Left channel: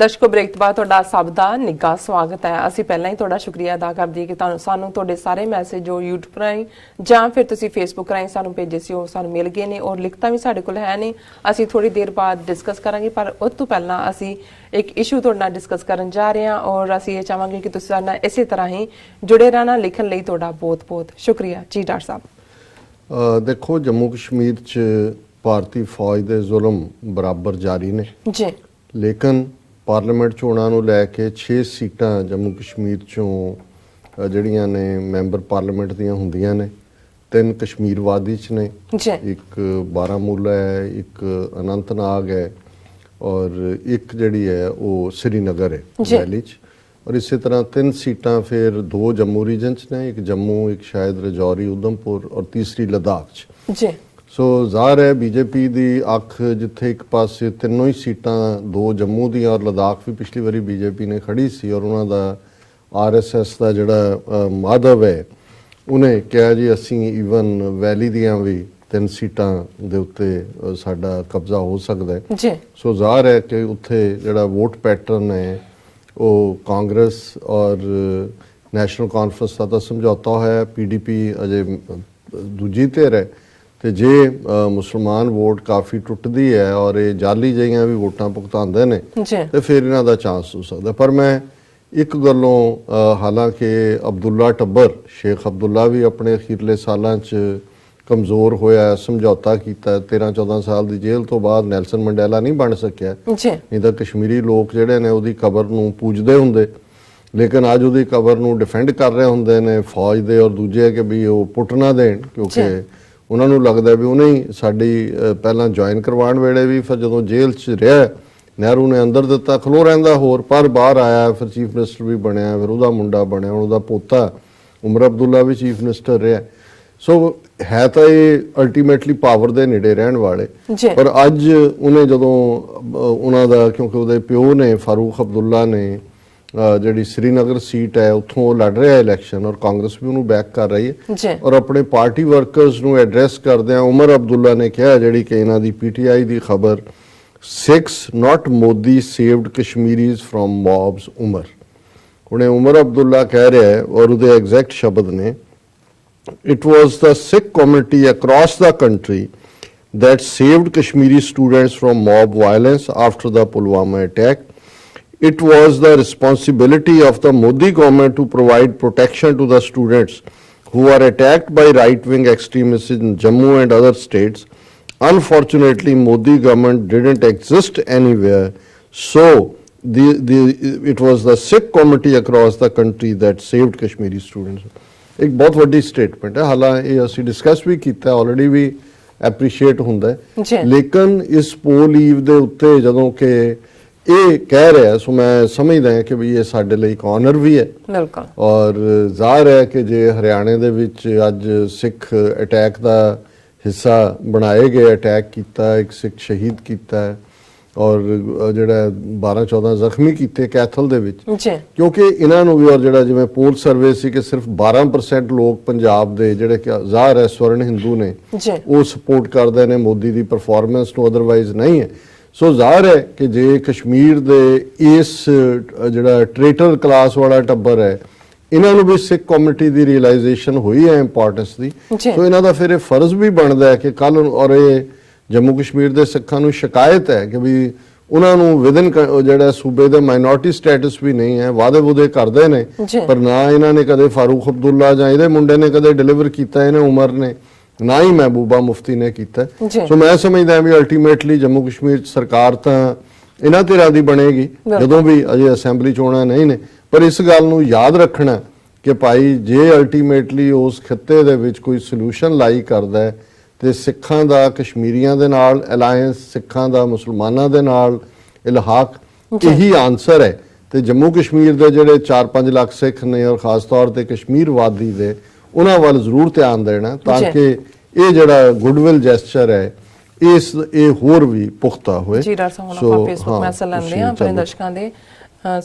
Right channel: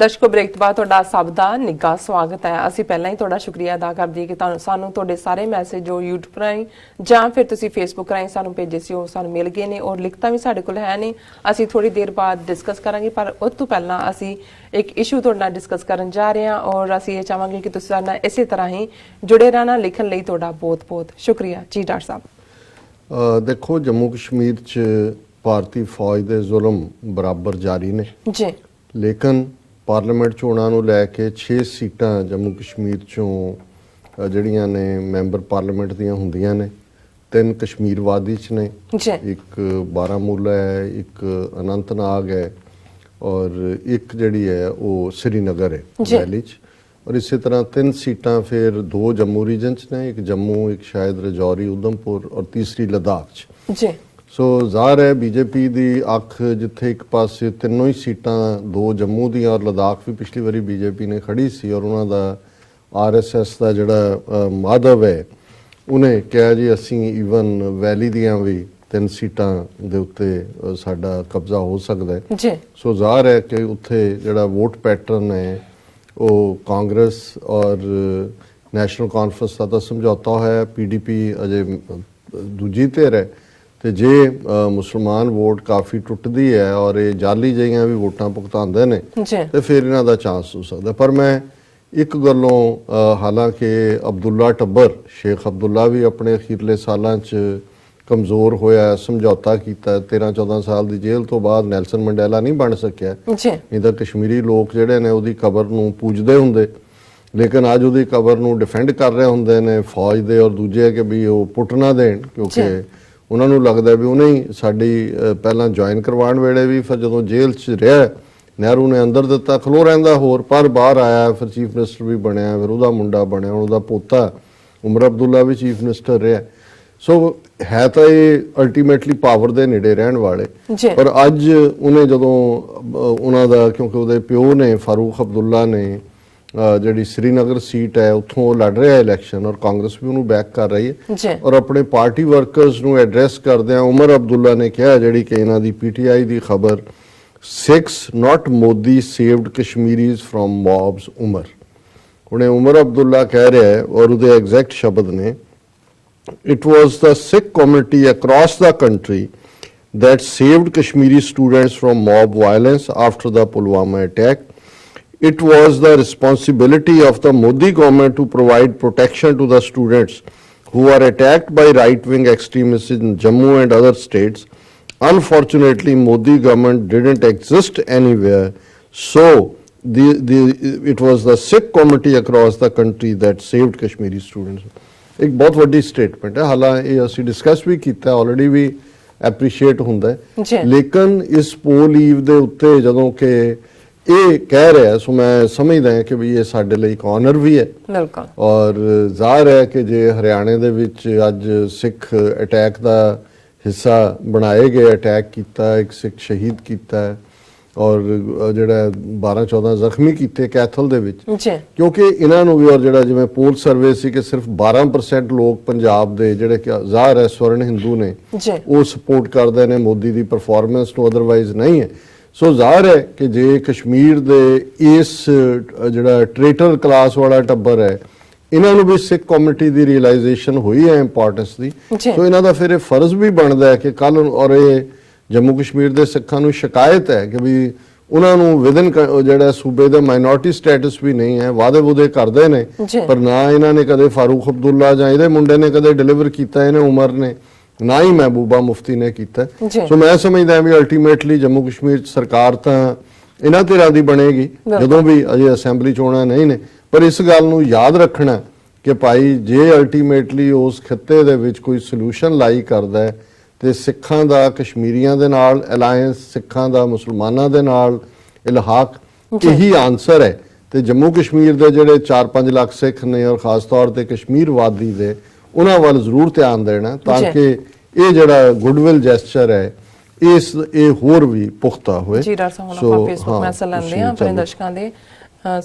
ਦਰਸ਼ਕੋ break ਤੋਂ ਬਾਅਦ ਤੁਹਾਡਾ ਸਭ ਦਾ ਨਿੱਘਾ ਸਵਾਗਤ ਹੈ। ਅਸੀਂ ਪਹਿਲਾਂ ਹੀ ਤੁਹਾਡਾ ਸ਼ੁਕਰੀਆ ਅਦਾ ਕਰਦੇ ਹਾਂ ਕਿ ਤੁਹਾਨੂੰ ਸਾਨੂੰ ਤੁਹਾਡੇ ਸਾਰੇ ਮੈਸੇਜ ਜੋ YouTube ਰਾਹੀਂ ਜਾਂ ਫਿਰ ਤੁਸੀਂ Facebook ਰਾਹੀਂ ਸਾਨੂੰ ਭੇਜੇ ਸੀ ਉਹ ਸਾਨੂੰ ਮਿਲ ਗਏ ਨੇ ਔਰ ਲਿਖਤਾਂ ਵੀ ਸਾਡੇ ਕੋਲ ਹੈ ਨੇ। ਅਸੀਂ ਥੋੜੀ ਦੇਰ ਬਾਅਦ ਡਿਸਕਸ ਕਰਾਂਗੇ, ਪਰ ਉਸ ਤੋਂ ਪਹਿਲਾਂ ਅਸੀਂ ਇੱਕ ਇਸ਼ੂ ਤੁਹਾਡੇ ਨਾਲ ਡਿਸਕਸ ਕਰਨ ਜਾ ਰਹੇ ਹਾਂ ਔਰ ਅਸੀਂ ਇਹ ਚਾਹਾਂਗੇ ਕਿ ਤੁਸੀਂ ਸਾਡੇ ਨਾਲ ਇਸੇ ਤਰ੍ਹਾਂ ਹੀ ਜੁੜੇ ਰਹਿਣਾ। ਲਿਖਣ ਲਈ ਤੁਹਾਡਾ ਬਹੁਤ-ਬਹੁਤ ਸ਼ੁਕਰੀਆ ਜੀ ਡਾਕਟਰ ਸਾਹਿਬ। ਦੇਖੋ, ਜੰਮੂ ਕਸ਼ਮੀਰ 'ਚ ਭਾਰਤੀ ਫੌਜ ਦੇ ਜ਼ੁਲਮ ਬਰਾਬਰ ਜਾਰੀ ਨੇ ਜੀ, ਲੇਕਿਨ ਪਾਰਲੀਮੈਂਟ ਚੋਣਾਂ ਨੂੰ ਲੈ ਕੇ 6 ਸੀਟਾਂ ਜੰਮੂ ਕਸ਼ਮੀਰ ਚੋਂ ਜਿਹੜੀਆਂ ਨੇ ਮੈਂਬਰ ਪਾਰਲੀਮੈਂਟ ਦੀਆਂ ਹੁੰਦੀਆਂ ਨੇ। 3 ਕਸ਼ਮੀਰ ਵਾਦੀ 'ਚ ਨੇ, ਇੱਕ ਬਾਰਾਮੂਲਾ ਹੈ, ਇੱਕ ਅਨੰਤਨਾਗ ਹੈ ਔਰ ਇੱਕ ਜਿਹੜੀ ਹੈ ਉਹ ਸ੍ਰੀਨਗਰ ਹੈ ਵੈਲੀ 'ਚ। ਔਰ ਇਸੇ ਤਰ੍ਹਾਂ 3 ਸੀਟਾਂ ਫਿਰ 2 ਜੰਮੂ ਰੀਜਨ 'ਚ ਨੇ, ਇੱਕ ਜੰਮੂ, ਇੱਕ ਸ਼ਾਇਦ ਰਜੌਰੀ, ਉਧਮਪੁਰ ਔਰ ਤੀਸਰੀ ਲਦਾਖ 'ਚ। ਜੀ, ਸੋ ਜ਼ਾਹਰ ਹੈ ਬੀਜੇਪੀ ਦੀ ਅੱਖ ਜਿੱਥੇ ਇੱਕ ਪਾਸੇ ਤਿੰਨੋਂ ਹੀ ਸੀਟਾਂ 2 ਜੰਮੂ ਦੀਆਂ ਔਰ ਲਦਾਖ ਵੀ ਪਿਛਲੀ ਵਾਰੀ ਬੀਜੇਪੀ ਨੇ ਖੜੀ ਸੀ ਔਰ ਉਹਨਾਂ ਦਾ ਆਰਐਸਐਸ ਦਾ ਜਿਹੜਾ ਮਾਧਵ ਹੈ ਉਹਨੇ ਕਿਹਾ ਜੀ ਅਸੀਂ ਈਵਨ ਵੈਲੀ ਦੀਆਂ ਵੀ 3 ਸੀਟਾਂ ਦੇ ਉੱਤੇ ਸਾਡਾ ਕਬਜ਼ਾ ਹੋ ਸਕਦਾ ਹੈ। ਜੀ, ਸੋ ਜ਼ਾਹਰ ਹੈ ਕਿ ਉੱਥੇ ਜਿਹੜਾ ਵੋਟ ਪੈਟਰਨ ਹੈ ਉਹ ਕਾਂਗਰਸ ਔਰ ਨੈਸ਼ਨਲ ਕਾਨਫਰੰਸ ਦਾ ਤਾਂ ਸਮਝੌਤਾ ਹੋਇਆ, ਪੀਡੀਪੀ ਅਜੇ ਦੂਜੀ ਧਿਰ ਹੈ ਤੇ ਜੇ ਮੁਸਲਮਾਨ ਵੋਟ ਕਾਫੀ ਟੁੱਟਦੀ ਹੈ ਔਰ ਇਹ ਜਾਲੀ ਜਿਹੀਆਂ ਵੀ ਵੋਟਾਂ ਭੁਗਤਾਉਂਦੇ ਨੇ ਤੇ ਫਿਰ ਇਹਨਾਂ ਦਾ ਚਾਂਸ ਹੋ ਸਕਦਾ। ਪਰ ਮੈਂ ਇੱਕ ਗੱਲੋਂ ਹਾਲਾਂਕਿ ਅਬਦੁੱਲਾ ਟੱਬਰ, ਸ਼ੇਖ ਅਬਦੁੱਲਾ ਵੀ ਆਪਣੇ ਅਖੀਰਲੇ ਸਾਲਾਂ 'ਚ ਕਮਜ਼ੋਰ ਹੋਇਆ, ਸਮਝੌਤਾ ਕੀਤਾ, 13-14 ਸਾਲ ਦੀ ਜੇਲ੍ਹ ਤੋਂ ਬਾਅਦ ਨੈਲਸਨ ਮੰਡੇਲਾ ਨਹੀਂ ਬਣ ਸਕਿਆ। ਨਹੀਂ ਤਾਂ ਕਸ਼ਮੀਰੀ ਲੋਕ ਜਿਹੜੇ ਨੇ ਉਹਦੀ ਕਬਰ ਨੂੰ ਪੂਜਦੇ ਹੁੰਦੇ, ਲੇਕਿਨ ਅੱਜ ਉਹਦੀ ਕਬਰ ਨੂੰ ਡਿਫੈਂਡ ਕਰ ਰਹੇ ਹੁੰਦੇ ਨੇ ਫੌਜ ਦੇ ਔਰ ਦੂਜੇ ਕਿ ਵੀ ਉਹ ਪੁੱਟ ਨਾ ਦੇਣ, ਕਿਉਂਕਿ ਉਹਨਾਂ ਨੂੰ ਲੱਗਦਾ ਵੀ ਉਹਨੇ ਹੀ ਸਾਡੀ ਪਹਿਲਾਂ ਜੁਆਇਨ ਕਰਵਾਉਣ ਵੇਲੇ ਵੀ ਫਿਰ ਜਦੋਂ ਜੇਲ੍ਹ 'ਚ ਰਿਹਾ ਨਹਿਰੂ ਨੇ ਅੰਦਰ ਦਿੱਤਾ, ਖਲੋ ਰਹਿੰਦਾ ਹੋਰ, ਪਰ ਬਾਹਰ ਆਇਆ, ਫਿਰ ਚੀਫ ਮਿਨਿਸਟਰ ਵੀ ਬਣਿਆ, ਫਿਰ ਉਹਦਾ ਮੁੰਡਾ ਬਣਿਆ, ਉਹਦਾ ਪੋਤਾ ਉਮਰ ਅਬਦੁੱਲਾ ਵੀ ਚੀਫ ਮਿਨਿਸਟਰ ਰਿਹਾ। ਸੋ ਹੈ ਤਾਂ ਇਹ ਅਲਟੀਮੇਟਲੀ ਪਾਵਰ ਦੇ ਨੇੜੇ ਰਹਿਣ ਵਾਲੇ, ਪਰ ਅੱਜ ਉਹਨੇ ਜਦੋਂ ਉਹਨਾਂ ਦਾ, ਕਿਉਂਕਿ ਉਹਦੇ ਪਿਓ ਨੇ ਫਾਰੂਕ ਅਬਦੁੱਲਾ ਨੇ ਜਿਹੜੀ ਸ੍ਰੀਨਗਰ ਸੀਟ ਹੈ ਉੱਥੋਂ ਉਹ ਲੜ ਰਿਹਾ ਇਲੈਕਸ਼ਨ ਔਰ ਕਾਂਗਰਸ ਵੀ ਉਹਨੂੰ ਬੈਕ ਕਰ ਰਹੀ ਹੈ ਔਰ ਆਪਣੇ ਪਾਰਟੀ ਵਰਕਰਸ ਨੂੰ ਐਡਰੈਸ ਕਰਦਿਆਂ ਉਮਰ ਅਬਦੁੱਲਾ ਨੇ ਕਿਹਾ, ਜਿਹੜੀ ਕਿ ਇਹਨਾਂ ਦੀ ਪੀਟੀਆਈ ਦੀ ਖਬਰ, ਸਿੱਖਸ ਨਾਟ ਮੋਦੀ ਸੇਵਡ ਕਸ਼ਮੀਰੀਜ਼ ਫਰੋਮ ਮੌਬਸ ਉਮਰ। ਉਹਨੇ ਉਮਰ ਅਬਦੁੱਲਾ ਕਹਿ ਰਿਹਾ ਹੈ ਔਰ ਉਹਦੇ ਐਗਜ਼ੈਕਟ ਸ਼ਬਦ ਨੇ, it was the Sikh community across the country that saved Kashmiri students from mob violence after the Pulwama attack. It was the responsibility of the Modi government to provide protection to the students who are attacked by right-wing extremists in Jammu and other states. Unfortunately, Modi government didn't exist anywhere, so it was the Sikh community across the country that saved Kashmiri students. ਇੱਕ ਬਹੁਤ ਵੱਡੀ statement ਹੈ, ਹਾਲਾਂਕਿ ਇਹ ਅਸੀਂ discuss ਵੀ ਕੀਤਾ, already ਵੀ appreciate ਹੁੰਦਾ ਹੈ, ਲੇਕਿਨ ਇਸ ਪੋਲ ਈਵ ਦੇ ਉੱਤੇ ਜਦੋਂ ਕਿ ਇਹ ਕਹਿ ਰਿਹਾ, ਸੋ ਮੈਂ ਸਮਝਦਾ ਹਾਂ ਕਿ ਵੀ ਇਹ ਸਾਡੇ ਲਈ ਇੱਕ ਆਨਰ ਵੀ ਹੈ ਔਰ ਜ਼ਾਹਰ ਹੈ ਕਿ ਜੇ ਹਰਿਆਣੇ ਦੇ ਵਿੱਚ ਅੱਜ ਸਿੱਖ ਅਟੈਕ ਦਾ ਹਿੱਸਾ ਬਣਾਏ ਗਏ, ਅਟੈਕ ਕੀਤਾ, ਇੱਕ ਸਿੱਖ ਸ਼ਹੀਦ ਕੀਤਾ ਔਰ ਜਿਹੜਾ 12-14 ਜ਼ਖਮੀ ਕੀਤੇ ਕੈਥਲ ਦੇ ਵਿੱਚ, ਕਿਉਂਕਿ ਇਹਨਾਂ ਨੂੰ ਵੀ ਔਰ ਜਿਹੜਾ ਜਿਵੇਂ ਪੋਲ ਸਰਵੇ ਸੀ ਕਿ ਸਿਰਫ 12% ਲੋਕ ਪੰਜਾਬ ਦੇ ਜਿਹੜੇ ਕਿ ਜ਼ਾਹਰ ਹੈ ਸਵਰਨ ਹਿੰਦੂ ਨੇ ਉਹ ਸਪੋਰਟ ਕਰਦੇ ਨੇ ਮੋਦੀ ਦੀ ਪਰਫਾਰਮੈਂਸ ਨੂੰ, ਅਦਰਵਾਈਜ਼ ਨਹੀਂ ਹੈ। ਸੋ ਜ਼ਾਹਰ ਹੈ ਕਿ ਜੇ ਕਸ਼ਮੀਰ ਦੇ ਇਸ ਜਿਹੜਾ ਟ੍ਰੇਟਰ ਕਲਾਸ ਵਾਲਾ ਟੱਬਰ ਹੈ ਇਹਨਾਂ ਨੂੰ ਵੀ ਸਿੱਖ ਕਮਿਊਨਿਟੀ ਦੀ ਰਿਅਲਾਈਜੇਸ਼ਨ ਹੋਈ ਹੈ ਇੰਪੋਰਟੈਂਸ ਦੀ, ਸੋ ਇਹਨਾਂ ਦਾ ਫਿਰ ਇਹ ਫਰਜ਼ ਵੀ ਬਣਦਾ ਹੈ ਕਿ ਕੱਲ, ਔਰ ਇਹ ਜੰਮੂ ਕਸ਼ਮੀਰ ਦੇ ਸਿੱਖਾਂ ਨੂੰ ਸ਼ਿਕਾਇਤ ਹੈ ਕਿ ਵੀ ਉਹਨਾਂ ਨੂੰ ਵਿਦਨ ਜਿਹੜਾ ਸੂਬੇ ਦਾ ਮਾਈਨੋਰਟੀ ਸਟੇਟਸ ਵੀ ਨਹੀਂ ਹੈ, ਵਾਅਦੇ ਵੂਦੇ ਕਰਦੇ ਨੇ ਪਰ ਨਾ ਇਹਨਾਂ ਨੇ ਕਦੇ ਫਾਰੂਕ ਅਬਦੁੱਲਾ ਜਾਂ ਇਹਦੇ ਮੁੰਡੇ ਨੇ ਕਦੇ ਡਿਲੀਵਰ ਕੀਤਾ, ਇਹਨੇ ਉਮਰ ਨੇ, ਨਾ ਹੀ ਮਹਿਬੂਬਾ ਮੁਫਤੀ ਨੇ ਕੀਤਾ। ਸੋ ਮੈਂ ਸਮਝਦਾ ਵੀ ਅਲਟੀਮੇਟਲੀ ਜੰਮੂ ਕਸ਼ਮੀਰ 'ਚ ਸਰਕਾਰ ਤਾਂ ਇਹਨਾਂ ਧਿਰਾਂ ਦੀ ਬਣੇਗੀ ਜਦੋਂ ਵੀ, ਅਜੇ ਅਸੈਂਬਲੀ ਚੋਣਾਂ ਨਹੀਂ ਨੇ, ਪਰ ਇਸ ਗੱਲ ਨੂੰ ਯਾਦ ਰੱਖਣਾ ਕਿ ਭਾਈ ਜੇ ਅਲਟੀਮੇਟਲੀ ਉਸ ਖਿੱਤੇ ਦੇ ਵਿੱਚ ਕੋਈ ਸੋਲੂਸ਼ਨ ਲਾਈ ਕਰਦਾ ਹੈ ਤੇ ਸਿੱਖਾਂ ਦਾ ਕਸ਼ਮੀਰੀਆਂ ਦੇ ਨਾਲ ਅਲਾਈਅੰਸ, ਸਿੱਖਾਂ ਦਾ ਮੁਸਲਮਾਨਾਂ ਦੇ ਨਾਲ ਇਲਹਾਕ, ਇਹੀ ਆਨਸਰ ਹੈ। ਤੇ ਜੰਮੂ ਕਸ਼ਮੀਰ ਦੇ ਜਿਹੜੇ 4-5 ਲੱਖ ਸਿੱਖ ਨੇ ਔਰ ਖਾਸ ਤੌਰ ਤੇ ਕਸ਼ਮੀਰ ਵਾਦੀ ਦੇ, ਉਹਨਾਂ ਵੱਲ ਜ਼ਰੂਰ ਧਿਆਨ ਦੇਣਾ ਤਾਂ ਕਿ ਇਹ ਜਿਹੜਾ ਗੁੱਡਵਿਲ ਜੈਸਚਰ ਹੈ ਇਹ ਹੋਰ ਵੀ ਪੁਖਤਾ ਹੋਏ। ਜੀ ਡਾਕਟਰ ਸਾਹਿਬ, ਆਪਾਂ ਫੇਸਬੁੱਕ ਮੈਸੇਜ ਲੈਂਦੇ ਹਾਂ ਆਪਣੇ ਦਰਸ਼ਕਾਂ ਦੇ,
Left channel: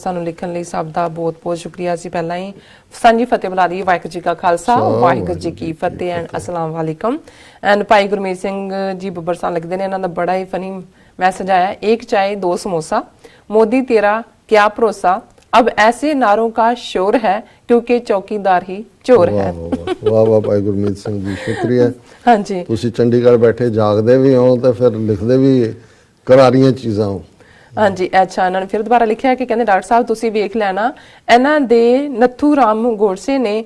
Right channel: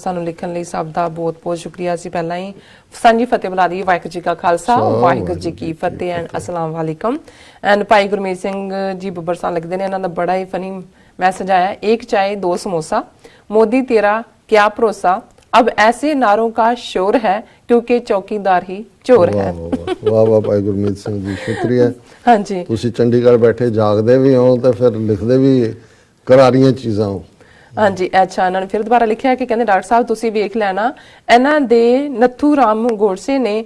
ਸਾਨੂੰ ਲਿਖਣ ਲਈ ਸਭ ਦਾ ਬਹੁਤ-ਬਹੁਤ ਸ਼ੁਕਰੀਆ। ਅਸੀਂ ਪਹਿਲਾਂ ਹੀ ਸਾਂਝੀ ਫਤਿਹ ਬੁਲਾ ਰਹੀ, ਵਾਹਿਗੁਰੂ ਜੀ ਕਾ ਖਾਲਸਾ, ਵਾਹਿਗੁਰੂ ਜੀ ਕੀ ਫਤਿਹ ਐਂਡ ਅਸਲਾਮ ਵਾਲੇਕਮ। ਐਂਡ ਭਾਈ ਗੁਰਮੀਤ ਸਿੰਘ ਜੀ ਬੱਬਰ ਸਾਹਿਬ ਲਿਖਦੇ ਨੇ, ਇਹਨਾਂ ਦਾ ਬੜਾ ਹੀ ਫਨੀ मैसेज आया, एक चाय दो समोसा, मोदी तेरा क्या भरोसा, अब ऐसे नारों का शोर है क्योंकि चौकीदार ही चोर है। ਵਾਹ ਵਾਹ ਭਾਈ ਗੁਰਮੀਤ ਸਿੰਘ ਜੀ, ਸ਼ੁਕਰੀਆ। हाँ जी, ਤੁਸੀਂ ਚੰਡੀਗੜ੍ਹ ਬੈਠੇ ਜਾਗਦੇ ਵੀ ਹੋ ਤੇ ਫਿਰ ਲਿਖਦੇ ਵੀ ਕਰਾਰੀਆਂ ਚੀਜ਼ਾਂ ਹੋ। हाँ जी, अच्छा इन्होंने फिर दोबारा लिखा है कि कहते डॉक्टर साहब तुसी वेख लेना इन्हां दे नत्थू राम गोडसे ने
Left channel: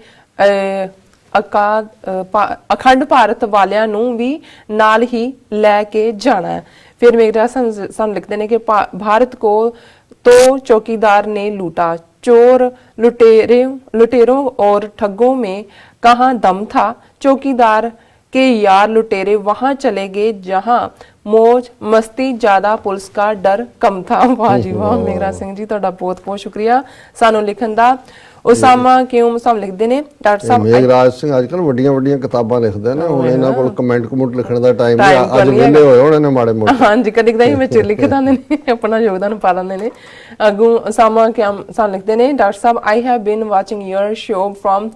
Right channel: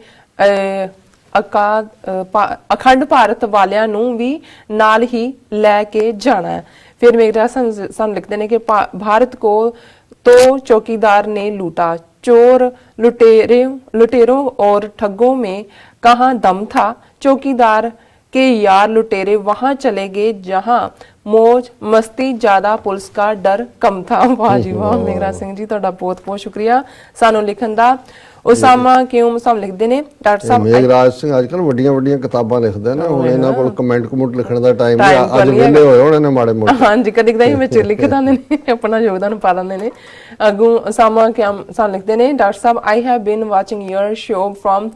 अखंड भारत वालियां नूं भी नाल ही लैके जाना है। फिर मेरा सन लिखते हैं कि भारत को तो चौकीदार ने लूटा, चोर लुटेरों और ठगों में कहाँ दम था, चौकीदार के यार लुटेरे वहां चले गए जहां मौज मस्ती ज्यादा पुलिस का डर कम था। वाह जी वाह, मेघराज सिंह जी ਤੁਹਾਡਾ ਬਹੁਤ ਬਹੁਤ ਸ਼ੁਕਰੀਆ ਸਾਨੂੰ ਲਿਖਣ ਦਾ। ਉਸਾਮਾ ਕਿਉਂ ਸਾਨੂੰ ਲਿਖਦੇ ਨੇ ਡਾਕਟਰ ਸਾਹਿਬ। ਮੇਘਰਾਜ ਸਿੰਘ ਅੱਜ ਕੱਲ ਵੱਡੀਆਂ ਵੱਡੀਆਂ ਕਿਤਾਬਾਂ ਲਿਖਦੇ ਨੇ, ਹੁਣ ਇਹਨਾਂ ਕੋਲ ਕਮੈਂਟ ਲਿਖਣ ਦਾ ਟਾਈਮ ਨਹੀਂ, ਅੱਜ ਵਿਹਲੇ ਹੋਏ ਹੋਣੇ ਨੇ ਮਾੜੇ ਮੋਟੇ। ਹਾਂਜੀ, ਕਦੀ ਕਦਾਈ ਵਿੱਚ ਲਿਖ ਦਿੰਦੇ ਨੇ, ਆਪਣਾ ਯੋਗਦਾਨ ਪਾ ਦਿੰਦੇ ਨੇ। ਅੱਗੋਂ ਉਸਾਮਾ ਕਿਉਂ ਸਾਨੂੰ ਲਿਖਦੇ ਨੇ ਡਾਕਟਰ ਸਾਹਿਬ, I have been watching your show from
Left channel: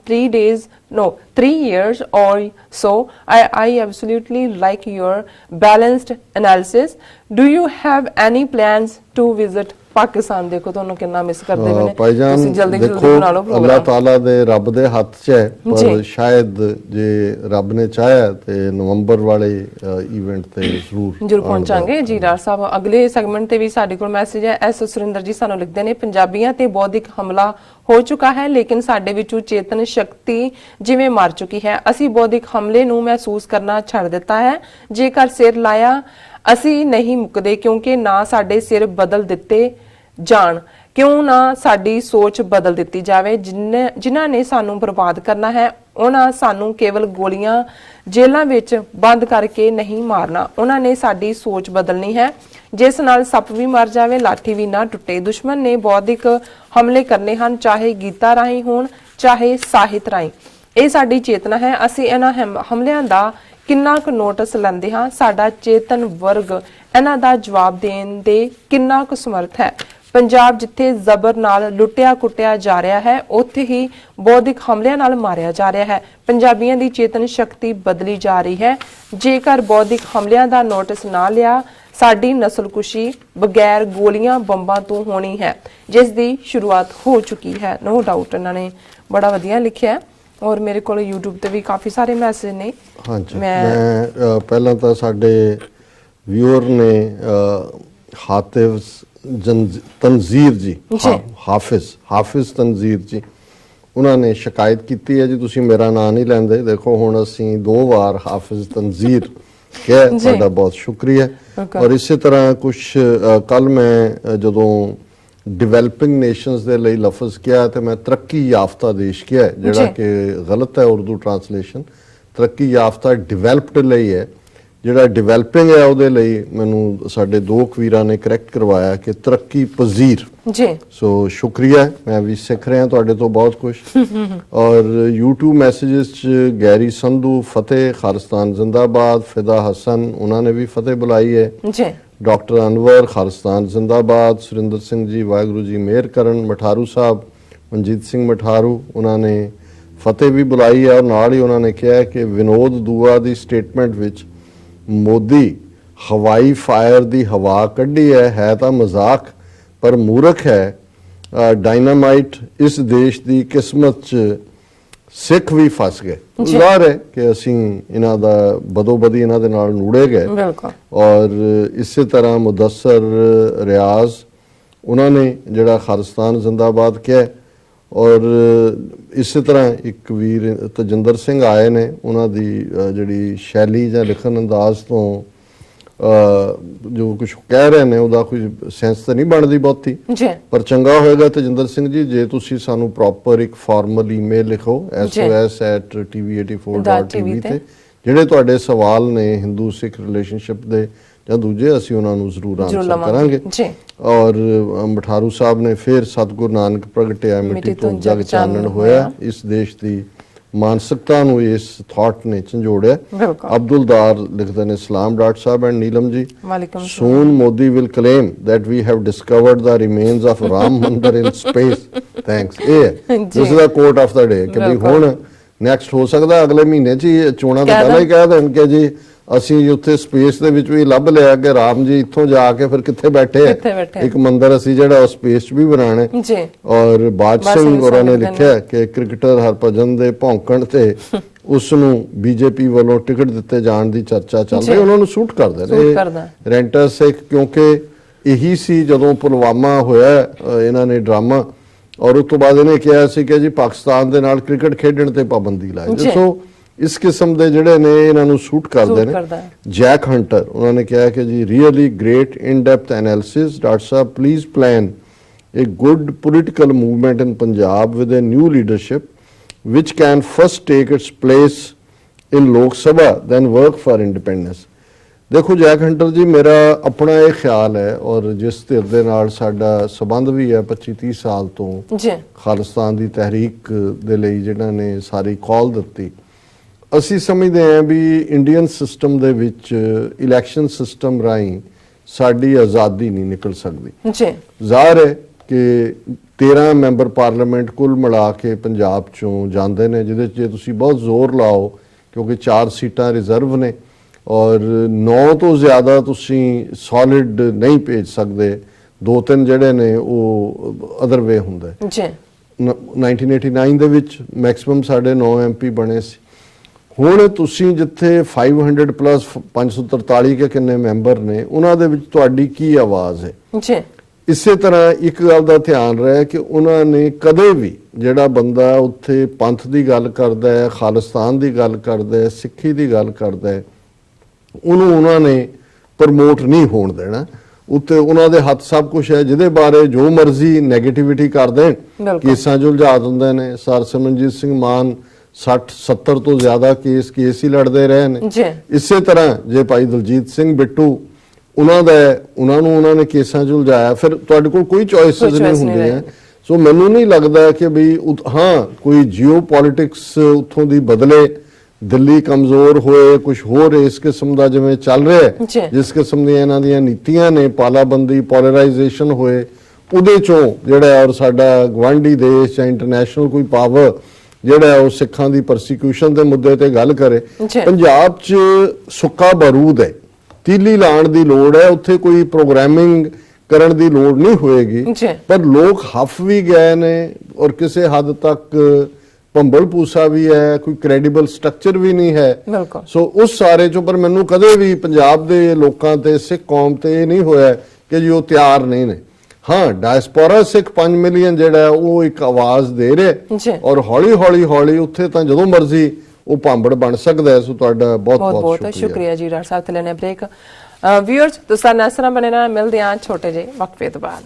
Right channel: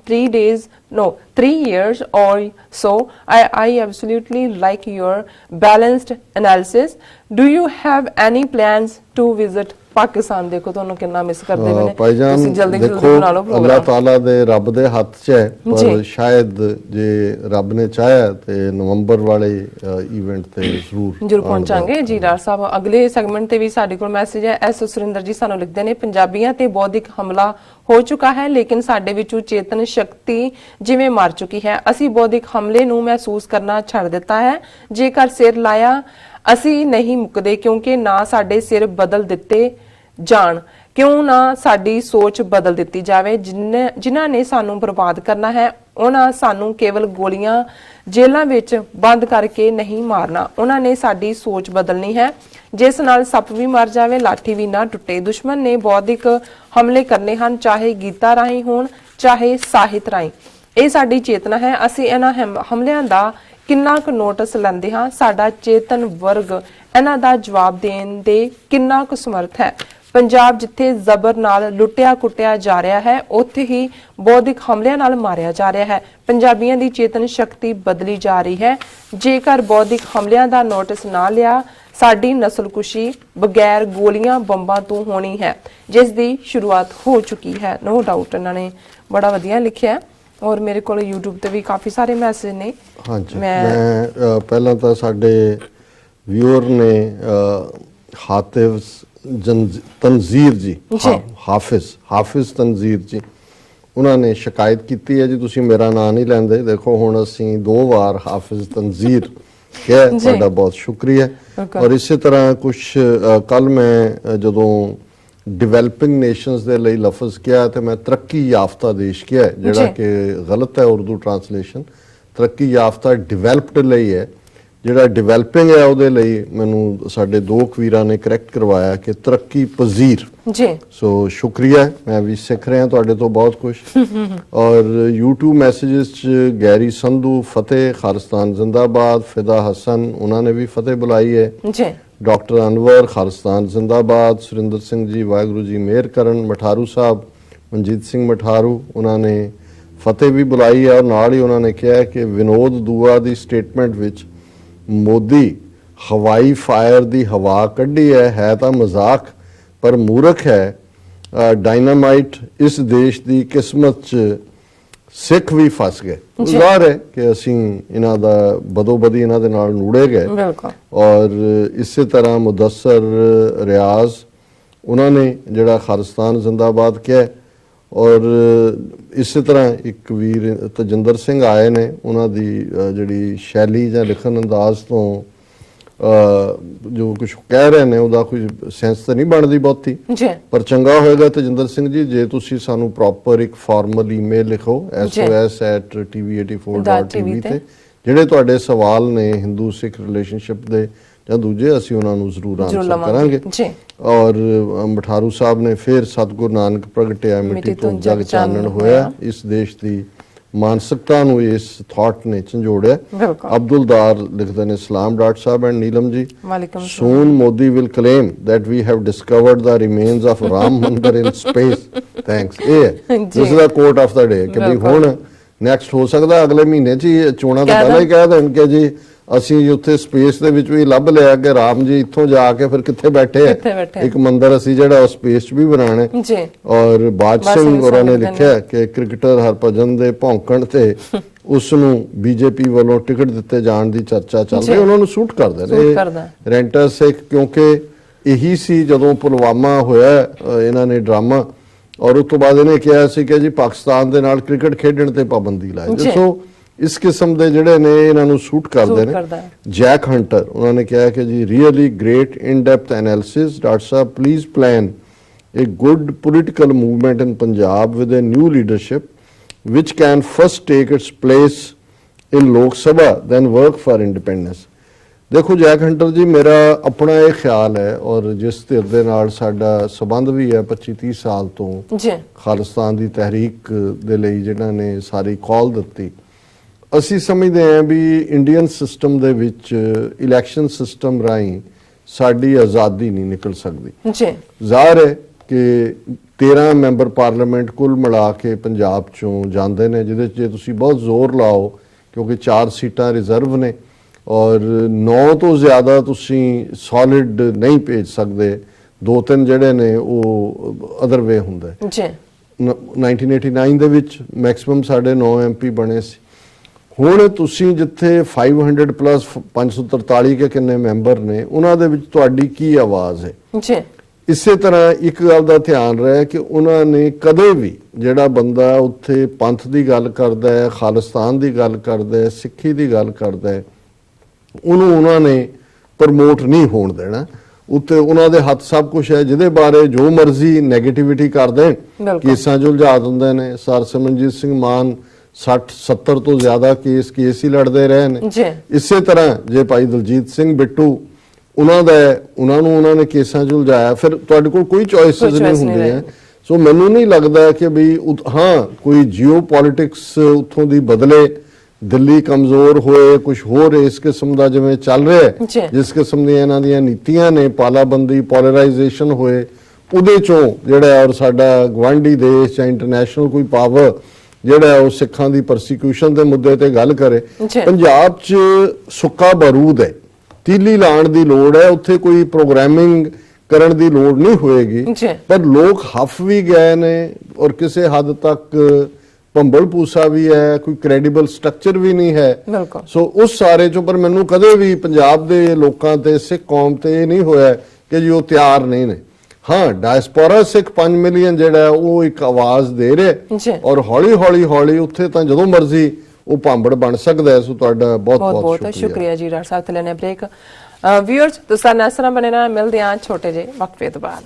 3 years or so. I absolutely like your balanced analysis. Do you have any plans to visit Pakistan? ਦੇਖੋ ਤੁਹਾਨੂੰ ਕਿੰਨਾ ਮਿਸ ਕਰਦੇ ਨੇ ਤੁਸੀਂ, ਜਲਦੀ ਬਣਾ ਲਓ ਪ੍ਰੋਗਰਾਮ। ਅੱਲਾਹ ਤਾਲਾ ਦੇ ਰੱਬ ਦੇ ਹੱਥ 'ਚ ਹੈ, ਪਰ ਸ਼ਾਇਦ ਜੇ ਰੱਬ ਨੇ ਚਾਹਿਆ ਤੇ ਨਵੰਬਰ ਵਾਲੇ ਇਵੈਂਟ ਤੇ ਜ਼ਰੂਰ ਪਹੁੰਚਾਂਗੇ ਜੀ। ਡਾਕਟਰ ਸਾਹਿਬ ਅਗਲੇ ਸੈਗਮੈਂਟ ਤੇ ਵੀ ਸਾਡੇ ਕੋਲ ਮੈਸੇਜ ਹੈ। ਐਸ ਸੁਰਿੰਦਰ ਜੀ ਸਾਨੂੰ ਲਿਖਦੇ ਨੇ, ਪੰਜਾਬੀਆਂ ਤੇ ਬੌਧਿਕ ਹਮਲਾ ਹੋ ਚੁੱਕਾ ਹੈ ਲੇਕਿਨ ਸਾਡੇ ਵਿੱਚੋਂ ਚੇਤਨ ਸ਼ਕਤੀ ਜਿਵੇਂ ਮਰ ਚੁੱਕੀ ਹੈ। ਅਸੀਂ ਬੌਧਿਕ ਹਮਲੇ ਨੂੰ ਮਹਿਸੂਸ ਕਰਨਾ ਛੱਡ ਦਿੱਤਾ ਹੈ। ਜੇਕਰ ਸਿਰ ਲਾਇਆ ਅਸੀਂ ਨਹੀਂ ਮੁੱਕਦੇ, ਕਿਉਂਕਿ ਨਾ ਸਾਡੇ ਸਿਰ ਬਦਲ ਦਿੱਤੇ ਜਾਣ, ਕਿਉਂ ਨਾ ਸਾਡੀ ਸੋਚ ਬਦਲ ਦਿੱਤੀ ਜਾਵੇ। ਜਿਨ੍ਹਾਂ ਨੇ ਸਾਨੂੰ ਬਰਬਾਦ ਕਰਨਾ ਹੈ ਉਹਨਾਂ ਸਾਨੂੰ ਕੇਵਲ ਗੋਲੀਆਂ ਜੇਲ੍ਹਾਂ ਵਿੱਚ ਬੰਦ ਕਰਕੇ ਨਹੀਂ ਮਾਰਨਾ, ਉਹਨਾਂ ਨੇ ਸਾਡੀ ਸੋਚ ਬਦਲਣੀ ਹੈ ਜਿਸ ਨਾਲ ਸੱਪ ਵੀ ਮਰ ਜਾਵੇ, ਲਾਠੀ ਵੀ ਨਾ ਟੁੱਟੇ। ਦੁਸ਼ਮਣ ਨੇ ਬੌਧਿਕ ਹਮਲੇ ਕਰਨੇ ਹਨ, ਚਾਹੇ ਗੀਤਾਂ ਰਾਹੀਂ ਹੋਣ ਚਾਹੇ ਸਾਹਿਤ ਰਾਹੀਂ। ਇਹ ਸਾਡੀ ਚੇਤਨਾ ਹੈ। ਅਸੀਂ ਇਹਨਾਂ ਹਮਲਿਆਂ ਦਾ ਕਿੰਨਾ ਕੁ ਨੋਟਿਸ ਲੈਂਦੇ ਹਾਂ, ਸਾਡਾ ਚੇਤਨ ਵਰਗ ਇਹਨਾਂ ਦਾ ਜਵਾਬ ਦੇਣ ਦੇ ਕਿੰਨਾ ਕੁ ਸਮਰਥ ਹੈ। ਪੰਜਾਬ ਜਿੱਥੇ ਜ਼ਬਰ ਨਾਲ ਲੁੱਟਿਆ ਕੁੱਟਿਆ ਜਾ ਰਿਹਾ ਹੈ, ਉੱਥੇ ਹੀ ਬੌਧਿਕ ਹਮਲਿਆਂ ਨਾਲ ਮਾਰਿਆ ਜਾ ਰਿਹਾ ਹੈ। ਪੰਜਾਬੀਆਂ ਦੀ ਚੇਤਨ ਸ਼ਕਤੀ ਬਦਲੀ ਜਾ ਰਹੀ ਹੈ। ਜੇਕਰ ਬੌਧਿਕ ਹਮਲਿਆਂ ਦਾ ਨੋਟਿਸ ਨਾ ਲਿਆ, ਸਾਡੀ ਨਸਲਕੁਸ਼ੀ ਬਗੈਰ ਗੋਲੀਆਂ ਬੰਬਾਂ ਤੋਂ ਹੋਣੀ ਹੈ, ਜਿਸ ਦੀ ਸ਼ੁਰੂਆਤ ਹੋ ਚੁੱਕੀ ਹੈ। ਨੋ ਡਾਊਟ ਇਹਨਾਂ ਨੇ ਬੜਾ ਵਧੀਆ ਲਿਖਿਆ ਔਰ ਮੇਰੇ ਕੋਲ YouTube ਤੇ ਵੀ ਕਾਫੀ ਸਾਰੇ ਮੈਸੇਜ ਨੇ। ਹਾਂਜੀ, ਮੈਂ ਪਹਿਲਾਂ ਤਾਂ ਸਾਡੇ ਵਿਊਅਰ ਨੇ ਹਾਫਿਜ਼ ਤਨਜ਼ੀਰ ਜੀ, ਹਾਫਿਜ਼ ਤਨਜ਼ੀਰ ਜੀ, ਉਹਨਾਂ ਨੇ ਸ਼ਿਕਾਇਤ ਕੀਤੀ ਹੈ ਜੀ ਤੁਸੀਂ ਮੇਰਾ ਨਾਂ ਨਹੀਂ ਲੈਂਦੇ। ਦੇਖੋ ਹੁਣ ਅਸੀਂ 2 ਵਾਰ ਹਾਫਿਜ਼ ਤਨਜ਼ੀਰ ਕਿਹਾ, ਤੁਹਾਡਾ ਬਹੁਤ ਸ਼ੁਕਰੀਆ। ਔਰ ਇਸੇ ਤਰ੍ਹਾਂ ਕੁਝ ਕੱਲ ਮੈਂ ਜਦੋਂ ਡਿਵੈਲਪਿੰਗ ਨੇਸ਼ਨਸ ਦੇ ਲਈ ਲਫ਼ਜ਼ ਕਿਹਾ ਤੇ ਮੈਂ ਤਰੱਕੀ ਯਾਫਤਾ ਦੇਸ਼ ਕਿਹਾ, ਜਿਹੜਾ ਕਿ ਗਲਤ ਹੈ ਉਰਦੂ ਟ੍ਰਾਂਸਲੇਸ਼ਨ। ਤਰੱਕੀ ਯਾਫਤਾ ਡਿਵੈਲਪਡ ਲਈ ਹੈ, ਜਿਹੜਾ ਡਿਵੈਲਪਿੰਗ ਹੈ ਉਹਦੇ ਲਈ ਮੈਨੂੰ ਸਾਡੇ 2 ਵੀਰਾਂ ਨੇ ਕਰੈਕਟ ਕਰਵਾਇਆ ਕਿ ਤਰੱਕੀ ਪਜ਼ੀਰ ਜੀ। ਸੋ ਸ਼ੁਕਰੀਆ, ਮੈਂ ਵੀ ਸਿੱਖ ਰਿਹਾ ਤੁਹਾਡੇ ਤੋਂ ਬਹੁਤ ਕੁਝ। ਔਰ YouTube ਮੈਸੇजेस ਚ ਗੈਰੀ ਸੰਧੂ, ਫਤਿਹ ਖਾਲਿਸਤਾਨ ਜ਼ਿੰਦਾਬਾਦ, ਫਿਦਾ ਹਸਨ ਉਹਨਾਂ ਨੇ ਵੀ ਫਤਿਹ ਬੁਲਾਈ ਹੈ ਜੀ। ਡਾਕਟਰ ਅਨਵਰ ਖਾਲਿਸਤਾਨ ਜ਼ਿੰਦਾਬਾਦ, ਸੁਰਿੰਦਰ ਸਿੰਘ ਜੀ ਵਾਹਿਗੁਰੂ ਜੀ ਮਿਹਰ ਕਰਨ, ਮਠਾਰੂ ਸਾਹਿਬ ਮਨਜੀਤ ਸਿੰਘ ਮਠਾਰੂ ਉਹਨਾਂ ਨੇ ਫਤਿਹ ਵੀ ਬੁਲਾਈ ਹੈ। ਔਰ ਨਾਲ ਹੀ ਉਹਨਾਂ ਨੇ ਕਿਹਾ ਕਿ ਵਿਨੋਦ ਦੂਆ ਦੀ ਸਟੇਟਮੈਂਟ ਵਿੱਚ ਮੋਦੀ ਹਵਾਈ ਫਾਇਰ ਦੀ ਹਵਾ ਕੱਢੀ ਹੈ ਤਾਂ ਮਜ਼ਾਕ ਪਰ ਮੂਰਖ ਹੈ। ਡਾਇਨਾਮਾਈਟ ਇਸ ਦੇਸ਼ ਦੀ ਕਿਸਮਤ 'ਚ ਸਿੱਖ ਵੀ ਫਸ ਗਏ। ਜ਼ਾਹਰ ਹੈ ਕਿ ਅਸੀਂ ਇਹਨਾਂ ਦਾ ਬਦੋਬਦੀ ਇਹਨਾਂ ਦੇ ਨਾਲ ਨੂੜੇ ਗਏ। ਔਰ ਇਸੇ ਤਰ੍ਹਾਂ ਮੁਦੱਸਰ ਰਿਆਜ਼ ਉਹਨਾਂ ਨੇ ਜਿਹੜਾ ਖਾਲਿਸਤਾਨ ਜ਼ਿੰਦਾਬਾਦ ਕਿਹਾ। ਔਰ ਇਸੇ ਤਰ੍ਹਾਂ ਇੱਕ ਵੀਰ ਤਜਿੰਦਰ ਸਿੰਘ ਆਏ ਨੇ, ਉਹਨਾਂ ਦੀ ਜਿਹੜੀ ਸ਼ੈਲੀ ਜਾਂ ਲਿਖਣ ਅੰਦਾਜ਼ ਤੋਂ ਜੋ ਕੁਝ ਕਹਿ ਰਹੇ ਨੇ ਉਹਦਾ ਕੋਈ ਸੈਂਸ ਤਾਂ ਨਹੀਂ ਬਣਦੀ ਬਹੁਤੀ, ਪਰ ਚੰਗਾ ਹੋਏਗਾ ਤਜਿੰਦਰ ਸਿੰਘ ਜੀ ਜੇ ਤੁਸੀਂ ਸਾਨੂੰ ਪ੍ਰੋਪਰ ਇੱਕ ਫਾਰਮਲ ਈਮੇਲ ਲਿਖੋ sos@tv84.tv ਤੇ ਜਿਹੜੇ ਤੁਹਾਡੇ ਸਵਾਲ ਨੇ ਹਿੰਦੂ ਸਿੱਖ ਰਿਲੇਸ਼ਨਸ਼ਿਪ ਦੇ ਜਾਂ ਦੂਜੇ, ਅਸੀਂ ਉਹਨਾਂ ਨੂੰ ਜ਼ਰੂਰ ਆਨਸਰ ਕਰਾਂਗੇ। ਔਰ ਮਠਾਰੂ ਸਾਹਿਬ ਨੇ ਫਿਰ ਸਤਿਗੁਰੂ ਨਾਨਕ ਪ੍ਰਗਟਿਆ ਮਿੱਟੀ ਤੋਂ ਜਗ ਚਾਨਣ ਹੋਇਆ, ਇਸ ਦੇਸ਼ ਦੀ ਮਾਨਸਿਕਤਾ ਨੂੰ ਇਸ ਥਾਟ ਨੇ ਝੰਜੋੜਿਆ। ਅਬਦੁਲਦਾਰ ਲਿਖਦੇ ਨੇ ਸਲਾਮ doctor Sahib and Neelam ji. Soon Modi will claim that we have discovered the remains of Ram Mandir in space. Thanks. This is the quote of the day ਕਿ ਵੀ ਹੁਣ ਨੈਕਸਟ ਹੋ ਸਕਦਾ ਅਗਲੇ ਮਹੀਨੇ 'ਚ ਹੀ ਚੋਣਾਂ ਤੋਂ ਪਹਿਲਾਂ ਹੀ ਕਹਿ ਦੇਣ ਕਿ ਜੀ ਅਸੀਂ ਉੱਥੇ ਸਪੇਸ ਦੇ ਵਿੱਚ ਵੀ ਲੱਭ ਲਿਆ ਕਿ ਰਾਮ ਜੀ ਇੱਥੋਂ ਜਾ ਕੇ ਫਿਰ ਕਿੱਥੇ ਬੈਠੇ ਕਿੱਥੇ ਆ। ਬੈਠੇ। ਇੱਕ ਮੰਦਿਰ ਅਸੀਂ ਜਿਹੜਾ ਸਪੇਸ 'ਚ ਵੀ ਬਣਾਉਣਾ ਹੈ। ਜੀ ਔਰ ਬਾਜ ਸਿੰਘ ਹੋਰਾਂ ਨੇ ਲਿਖਿਆ ਕਿ ਕ੍ਰਿਕਟਰ ਹਰਭਜਨ ਦੇ ਭੌਂਕਣ ਤੇ ਉਸ ਨੂੰ ਬੀਜੇਪੀ ਵੱਲੋਂ ਟਿਕਟ ਦਿੱਤੇ ਜਾਣ ਦੀ ਚਰਚਾ ਚੱਲ ਰਹੀ, ਉਹਨਾਂ ਨੂੰ ਸੂਟ ਕਰਦੇ ਨੇ ਰੈਂਟਰ ਸਿੱਖ, ਕਿਉਂਕਿ ਇਹੀ ਸੀ ਜਦੋਂ ਪੁਲਵਾਮਾ ਹੋਇਆ ਇਹਨਾਂ ਨੇ ਡਰਾਮਾ, ਔਰ ਉਸ ਤੋਂ ਬਾਅਦ ਇਹਨੇ ਕਿਹਾ ਸੀ ਕਿ ਜੀ ਪਾਕਿਸਤਾਨ ਦੇ ਨਾਲ ਕ੍ਰਿਕਟ ਖੇਡਣ ਤੇ ਪਾਬੰਦੀ ਲਾਏ। ਸੋ ਇਸ ਕਿਸਮ ਦੇ ਜਿਹੜੇ ਨੇ ਇਹਨਾਂ ਨੂੰ ਸੂਟ ਕਰਦੇ ਨੇ। ਜੈਕ ਹੰਟਰ ਉਹਨਾਂ ਨੇ ਕਿਹਾ ਕਿ ਜੀ really great in depth analysis, doctor Sahib please plan a good political movement in Punjab with a new leadership which can first take its place in Lok Sabha then work for independence। ਦੇਖੋ Jack hunter ਜੀ, ਮੇਰਾ ਆਪਣਾ ਇਹ ਖਿਆਲ ਹੈ ਔਰ ਜਿਸ ਧਿਰ ਦੇ ਨਾਲ ਸਾਡਾ ਸਬੰਧ ਵੀ ਹੈ 25-30 ਸਾਲ ਤੋਂ ਖਾਲਿਸਤਾਨ ਦੀ ਤਹਿਰੀਕ ਦੇ ਲਈ ਜਿਹਨਾਂ ਨੇ ਸਾਰੀ ਕਾਲ ਦਿੱਤੀ, ਅਸੀਂ ਸਮਝਦੇ ਹਾਂ ਵੀ ਇੰਡੀਅਨ ਸਿਸਟਮ ਦੇ ਵਿੱਚ ਇਲੈਕਸ਼ਨ ਸਿਸਟਮ ਰਾਹੀਂ ਸਾਡੀ ਆਜ਼ਾਦੀ ਨਹੀਂ ਨਿਕਲ ਸਕਦੀ। ਜ਼ਾਹਿਰ ਹੈ ਕਿ 13 ਮੈਂਬਰ ਪਾਰਲੀਮੈਂਟ ਕੁੱਲ ਮਿਲਾ ਕੇ ਪੰਜਾਬ ਚੋਂ ਜਾਂਦੇ ਨੇ, ਜਿਹਦੇ 'ਚ ਜੇ ਤੁਸੀਂ ਬਹੁਤ ਜ਼ੋਰ ਲਾਓ ਕਿਉਂਕਿ 4 ਸੀਟਾਂ ਰਿਜ਼ਰਵ ਨੇ ਔਰ 9 ਤੋਂ ਜ਼ਿਆਦਾ ਤੁਸੀਂ ਸੋਲਿਡ ਨਹੀਂ ਭੇਜ ਸਕਦੇ, 2-3 ਜਿਹੜੇ ਨੇ ਉਹ ਅਦਰ ਵੇ ਹੁੰਦਾ ਹੈ। 1989 ਦੇ ਵਿੱਚ ਮੈਕਸਿਮਮ ਸਾਡੇ 9 MP ਬਣੇ ਸੀ। ਹੁਣ ਤੁਸੀਂ ਜਿੱਥੇ 500 ਪਲੱਸ 543 ਕੇ ਕਿੰਨੇ ਮੈਂਬਰ ਨੇ, ਉਹਨਾਂ ਦੇ ਵਿੱਚ ਤੁਹਾਡੀ ਕੀ ਆਵਾਜ਼ ਹੈ। ਇਸੇ ਤਰ੍ਹਾਂ ਇੱਕ ਗੱਲ ਦਾ ਧਿਆਨ ਰਹੇ ਕਿ ਉਹਨਾਂ ਨੇ ਕਦੇ ਵੀ ਜਿਹੜਾ ਬੰਦਾ ਉੱਥੇ ਪੰਥ ਦੀ ਗੱਲ ਕਰਦਾ ਹੈ, ਖਾਲਿਸਤਾਨ ਦੀ ਗੱਲ ਕਰਦਾ ਹੈ, ਸਿੱਖੀ ਦੀ ਗੱਲ ਕਰਦਾ ਹੈ, ਉਹਨੂੰ ਉਹਨਾਂ ਨੇ ਪ੍ਰਮੋਟ ਨਹੀਂ ਹੋਣ ਦੇਣਾ। ਉੱਤੇ ਉਹਨਾਂ ਦੇ ਹੱਥ ਸਭ ਕੁਝ ਹੈ, ਜਿਹਦੇ ਬਾਰੇ ਜੋ ਮਰਜ਼ੀ ਨੈਗੇਟਿਵਿਟੀ ਕਰਦੇ, ਕੇਸਾਂ 'ਚ ਉਲਝਾ ਦਿੰਦੇ ਨੇ। ਸਰ ਸਿਮਰਨਜੀਤ ਸਿੰਘ ਮਾਨ 60-70 ਤੋਂ ਜ਼ਿਆਦਾ ਕੇਸ ਹੀ ਲੜਦੇ ਰਹੇ ਨੇ। ਇਸੇ ਤਰ੍ਹਾਂ ਜੇ ਭਾਈ ਦਲਜੀਤ ਸਿੰਘ ਬਿੱਟੂ ਉਹਨਾਂ ਨੂੰ ਕੇਸਾਂ 'ਚ ਉਲਝਾਇਆ, ਫਿਰ ਤੁਹਾਡੇ ਕੋਲ ਕੋਈ ਚੋਇਸਸ ਨਹੀਂ ਹੁੰਦੇ ਆ। ਸੋ ਮੈਨੂੰ ਨਹੀਂ ਲੱਗਦਾ ਕਿ ਵੀ ਹਾਂ ਕੋਈ ਜੀਓ ਪੋਲਿਟਿਕਸ ਉੱਥੋਂ ਦੀ ਬਦਲੇ, ਦਿੱਲੀ ਕਮਜ਼ੋਰ ਹੋਏ, ਕੁਝ ਹੋਰ ਇਸ ਕਿਸਮ ਦਾ ਜਿਵੇਂ ਚੱਲ ਰਿਹਾ ਹੈ, ਜਿਸ ਕਿਸਮ ਦੀਆਂ ਇਹਨਾਂ ਦੀਆਂ ਨੀਤੀਆਂ ਨੇ, ਪਾਲਾਬੰਦੀ, ਪੋਲਰਾਈਜੇਸ਼ਨ ਹੋਏ, ਉਹਦੇ ਚੋਂ ਜਿਹੜਾ ਔਰ ਸਾਡਾ ਗਵਾਂਢੀ ਦੇਸ਼ ਜਾਂ ਇੰਟਰਨੈਸ਼ਨਲ ਕੋਈ ਪਾਵਰ ਜਿਹੜਾ ਉਹ ਸਿੱਖਾਂ ਦੀ ਪਰਸੀਕਿਊਸ਼ਨ ਦੇ ਮੁੱਦੇ ਤੇ ਗੱਲ ਕਰੇ। ਪੰਜਾਬ 'ਚ ਸੁੱਕਾ ਬਾਰੂਦ ਹੈ, ਤੀਲੀ ਲਾਉਣ ਦੀ ਲੋੜ ਹੈ, ਉੱਥੇ ਕੋਈ ਪ੍ਰੋਗਰਾਮਿੰਗ ਕਰਨ ਦੀ ਲੋੜ ਨਹੀਂ ਹੋਏਗੀ। ਪਰ ਲੋਕ ਹੱਫ ਵੀ ਗਏ ਨੇ ਔਰ ਕਿਸੇ ਹੱਦ ਤੱਕ ਭੰਬਲ ਪੂਸਾ ਵੀ ਹੈ, ਕੋਈ ਕ੍ਰੈਡੀਬਲ ਸਟਰਕਚਰ ਵੀ ਨਹੀਂ ਹੈ। ਸੋ ਉਸ ਸਾਰੇ ਚੋਂ ਪਰ ਮੈਨੂੰ ਕਦੇ ਵੀ ਪੰਜਾਬ ਦੇ ਲੋਕਾਂ ਤੇ, ਸਿੱਖ ਕੌਮ ਤੇ ਇਹ ਨਹੀਂ ਹੋਇਆ ਕਿ ਜੀ ਉਹ ਤਿਆਰ ਨਹੀਂ ਨੇ। ਹਾਂ, ਡਾਇਸਪੋਰਾ ਸਿੱਖ 5 ਮਿਲੀਅਨ ਜਿਹੜਾ ਉਹ ਇੱਕ ਆਵਾਜ਼ ਦੇ ਰਿਹਾ ਔਰ ਹੌਲੀ ਉੱਥੇ ਤਾਂ ਜਦੋਂ ਮਰਜ਼ੀ ਉਹ ਭਾਂਬੜ ਬਣ ਸਕਦਾ ਹੈ। ਸੋ ਤੁਹਾਡਾ ਬਹੁਤ ਸ਼ੁਕਰੀਆ ਜੀ। ਡਾਕਟਰ ਸਾਹਿਬ ਤੇ ਲੈਣੇ ਬ੍ਰੇਕ। ਵਿਊਅਰਸ ਤੁਸੀਂ ਨਾਲ ਬਣੇ ਨਾਲ ਮਿਲਦੇ ਹਾਂ ਛੋਟੇ ਜਿਹੇ ਵਕਫੇ ਤੋਂ ਬਾਅਦ।